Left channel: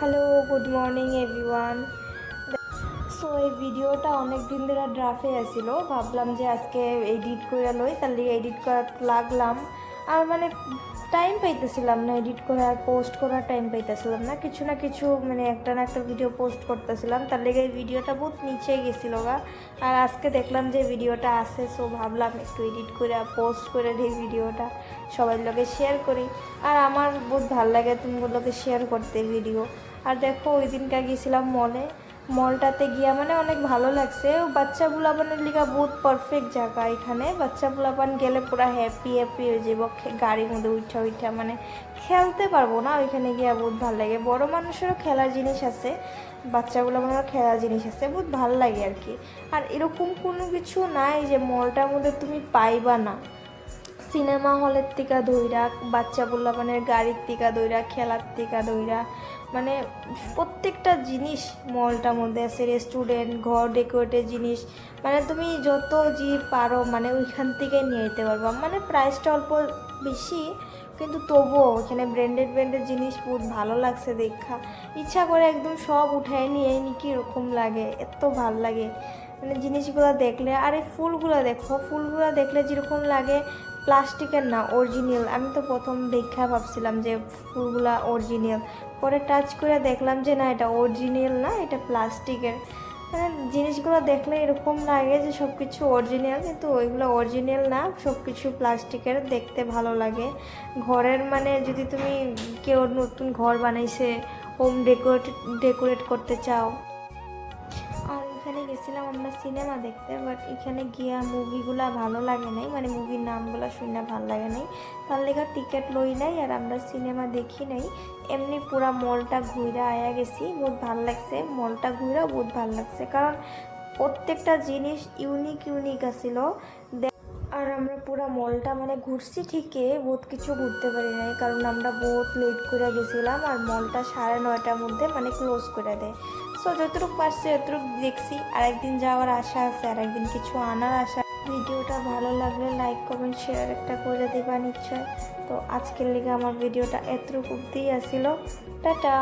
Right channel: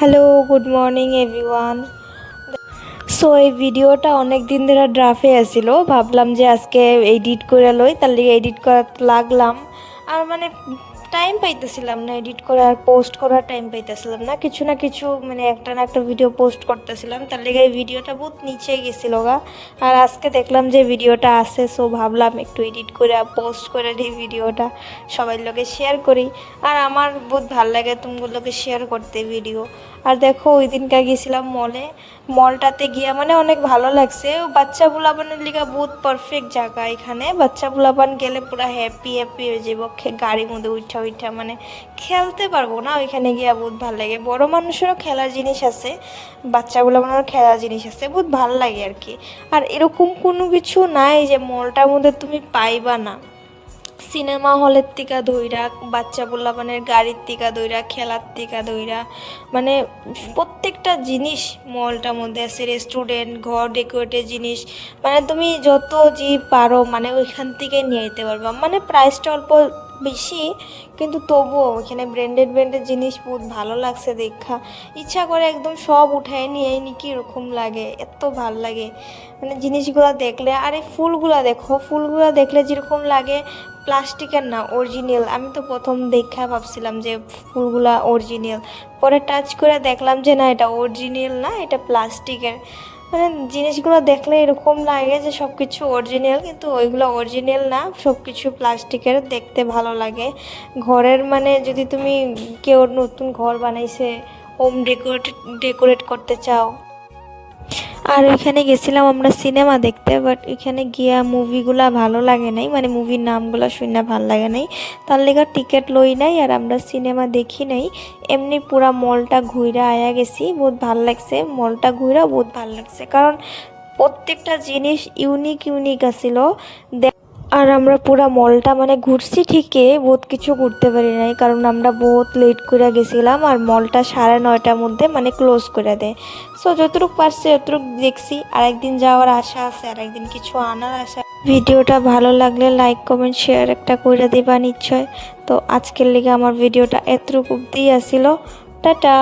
Hello, good morning everyone. So এই ভিডিওটা অনেক দিন ধরে ড্রাফে আসিল, ভাবলাম যে আজকে এডিট করে লই, তার লিগে এডিট করা লাগলাম। আর মানে টাইম পাইতেছিলাম না, এডিট করার পোস্ট করার টাইম পাইতেছিলাম না, কিছু না কিছু মানে একটা না একটা ভিডিও পোস্ট করতেছিলাম, তার লিগে এই ভিডিওটা বহুত নিচে গেছিল গা। আর আজকে দেখলাম যে ভিডিওটা আছে, সো ভাবলাম একটু এডিট করে পোস্ট করে দিই ভিডিওটা, সবাই লোকে শেয়ার করি। আর আমার বহুত ভালো লাগে তুমগুলোকে শেয়ার করতে ভিডিও। আর দেখো ওই দিনকে গেছিলাম মলটাতে গিয়া মানে অনেক ভালো লাগছে। বাচ্চা বুলাবানের লিগা বহুত পারফেক্ট জায়গা, এখানে বাচ্চা বুলাবান গেলে পুরো হ্যাপি হ্যাপি হয়ে যাব, গাড়ির মধ্যে উঠা উঠা মানে খেলতে পারবো না, ওইখানে গিয়া বহুত ভালো লাগে। বড় মানুষেরও খেলার জিনিস আছে, বাচ্চা বুলাবানেরও খেলার জিনিস আছে, বহুত ভালো লাগে আর কি। আর এরকম কোনো কিছু নাই যে মলটার মধ্যে তুমি পাইবা না। সিনেমা হলের থেকে ধইরা, বাচ্চা পোলাপানের গাড়ির থেকে ধইরা, খেলার থেকে ধইরা, মানে প্রত্যেকটা জিনিস মলটার মধ্যে আছে। রেস্টুরেন্ট, ঘর ডেকোরেটের জিনিস, মানে তুমি যত যে পারো মানে ওইখান থেকে নিয়ে যেতে পারবা। মানে প্রাইসটা অল্প বেশি, কিন্তু তবুও ওইখানে ব্র্যান্ডেড জিনিস বহুত ভালো লাগছে দেখা। ইচ্ছা করে একদম সব উঠায় নিয়ে নি, কীরকম লাগে, এত ভাল লাগে মানে জিনিসগুলো দেখলে। আর এই ফুলগুলা দেখো, ফুলগুলা দেখলে যেরকম লাগে প্লাস্টিকের না, অরিজিনাল। আমি তো প্রথম দেখা ভাবছিলাম যে ফুলগুলা অরিজিনাল, পরে টাচ করে দেখলাম যে না, এটা অরিজিনাল না, এটা প্লাস্টিকের। মানে জিনিসগুলো দেখলে এরকম লাগে যে সব কিছু অরিজিনাল, কিন্তু ওইগুলো অরিজিনাল না, সব কিছু প্লাস্টিকের। দেখতে ভালো লাগে ঘরের, মানে যদি তুমি কেউ নতুন ঘর বানাইছে, হোম ডেকোরেট করতে চাও। আর ওইখানে গেছিলাম আমরা সিনেমা দেখতে, বাট এখানে গিয়া মুভিগুলা ভালো লাগে নাই, মানে মুভির নামগুলো শুনে ভালো লাগে নাই, তার লেগে টিকিট লই নাই আর আমরা সিনেমা দেখি নাই। এমনি পুরা মলটা ঘুরে আয়া গেছি, বহুত ভালো লাগছে মলটা ঘুরা, বহুত ভালো লাগছে, কারণ প্রত্যেকটা জিনিস ইউনিক ইউনিক আছিল। আর আমরা পুরা মলটা মানে ঘুরছি ঠিকই, বহুত কিছু ঘুরতে পারি নাই, কারণ আমরা বহুত লেট করে গেছিলাম। আর মলটা 9:30টার মধ্যে মানে ক্লোজ করে দেয়। সো যতটুকু পারছি ততটুকু দেখছি, আর একদিন যাওয়ার আশা আছে, আর একদিন কিছু আনার আশা। ভিডিওটা ভালো লাগলে লাইক কমেন্ট শেয়ার একটা করে দিবা নিশ্চয়। তো আজকের লেগে আমার ভিডিওটা এতটুকু অবধি আসিল। টাটা।